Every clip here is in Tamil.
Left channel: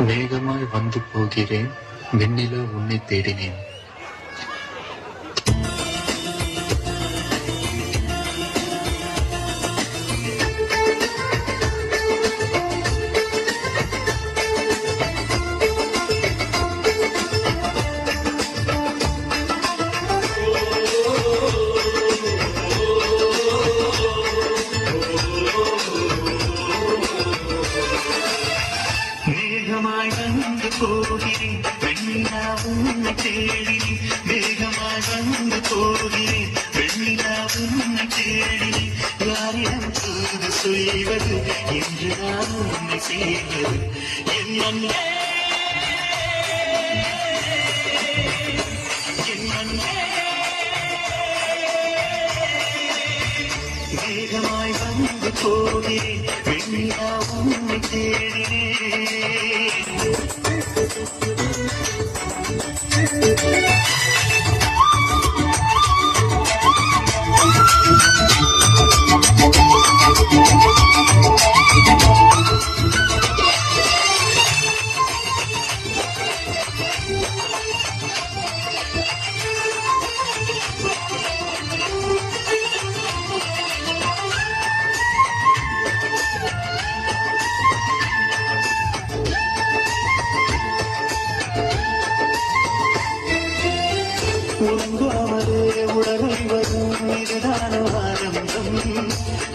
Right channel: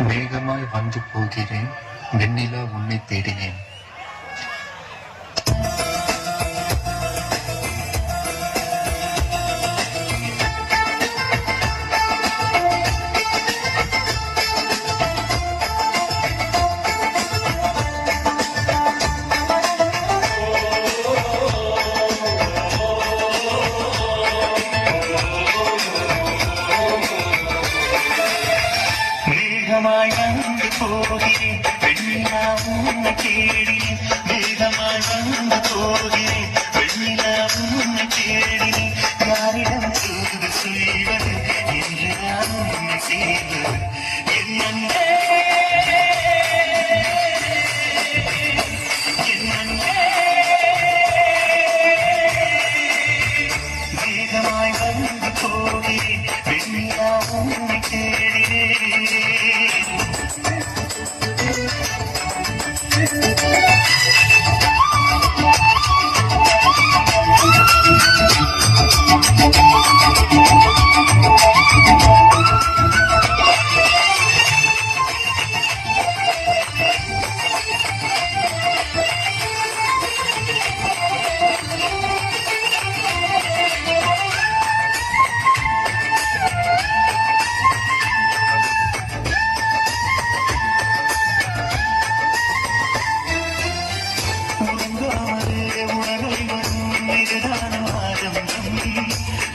வேகமாய் வந்து போகிறேன். வெண்ணிலா உன்னை தேடினேன். வந்து போகிறேன் வெண்ணிலா உன்னை தேடினேன் வந்து போகிறேன் வெண்ணிலா உன்னை யாரிடம் தூது செய்வது என்று நான் உன்னை செய்வது என் என் வேகமாய் வந்து போகிறேன். வெண்ணிலா உன்னை தேடினேன். உறங்காமலே உடலில் வரும் இதுதான ஆனந்தம்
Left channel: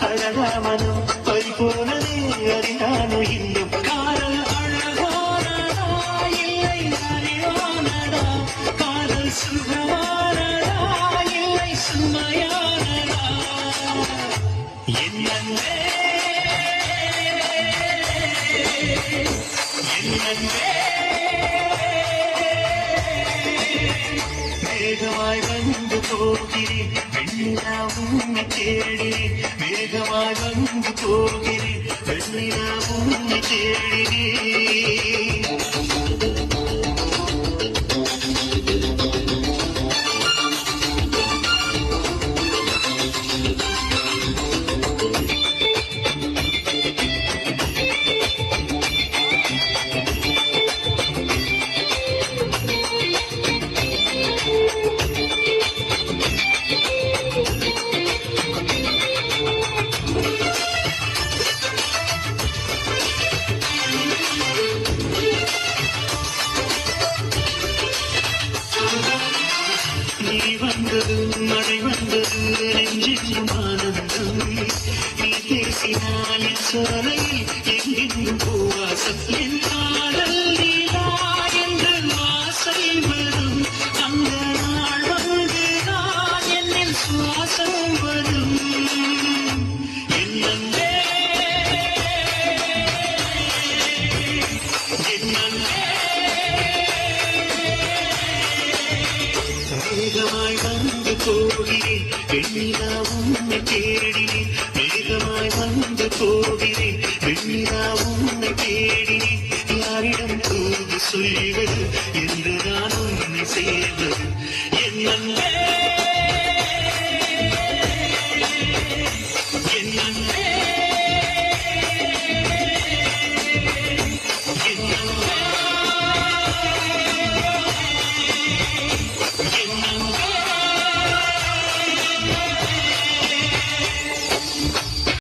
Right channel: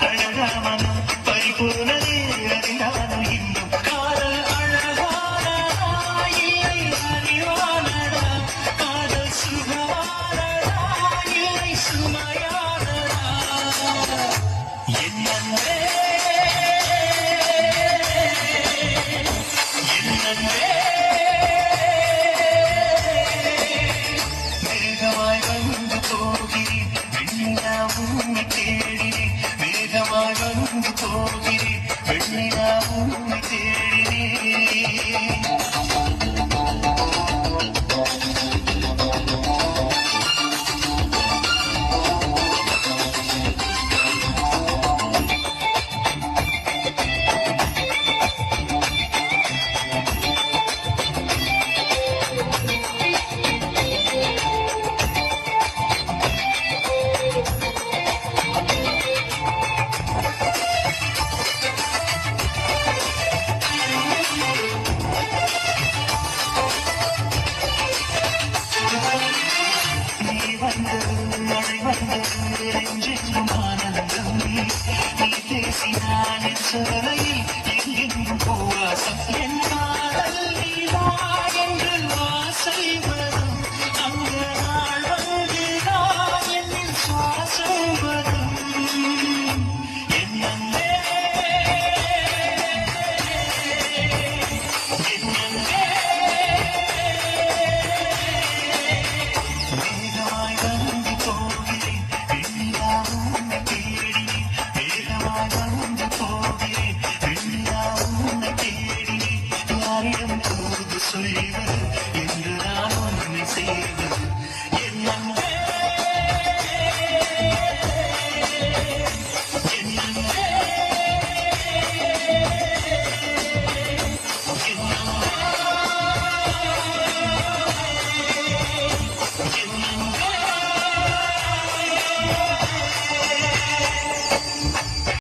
அழகாமனும் கை போனதே அறிந்தானோ இன்னும் காதல் அழகானடா இல்லை அறிவானடா காதல் சுகமானடா இல்லை சுமையானடா வேகமாய் வந்து போகிறேன் வெண்ணிலா உன்னை தேடினேன் வேகமாய் வந்து போகிறேன் வெண்ணிலா உன்னை வந்ததும் மழை வந்தது நெஞ்செங்கும் ஆனந்தம் நீ பேசினால் என் சோலை எங்கெங்கும் பூவாசம் என் காதல் என்று ஆசை வரும் நாள் வந்துதான் என்னில் சுவாசம் வரும் வேகமாய் போகிறேன் வெண்ணிலா உன்னை தேடினேன். வேகமாய் வந்து போகிறேன். வெண்ணிலா உன்னை தேடினேன். யாரிடம் தூது சொல்வது என்று நான் உன்னை செய்வது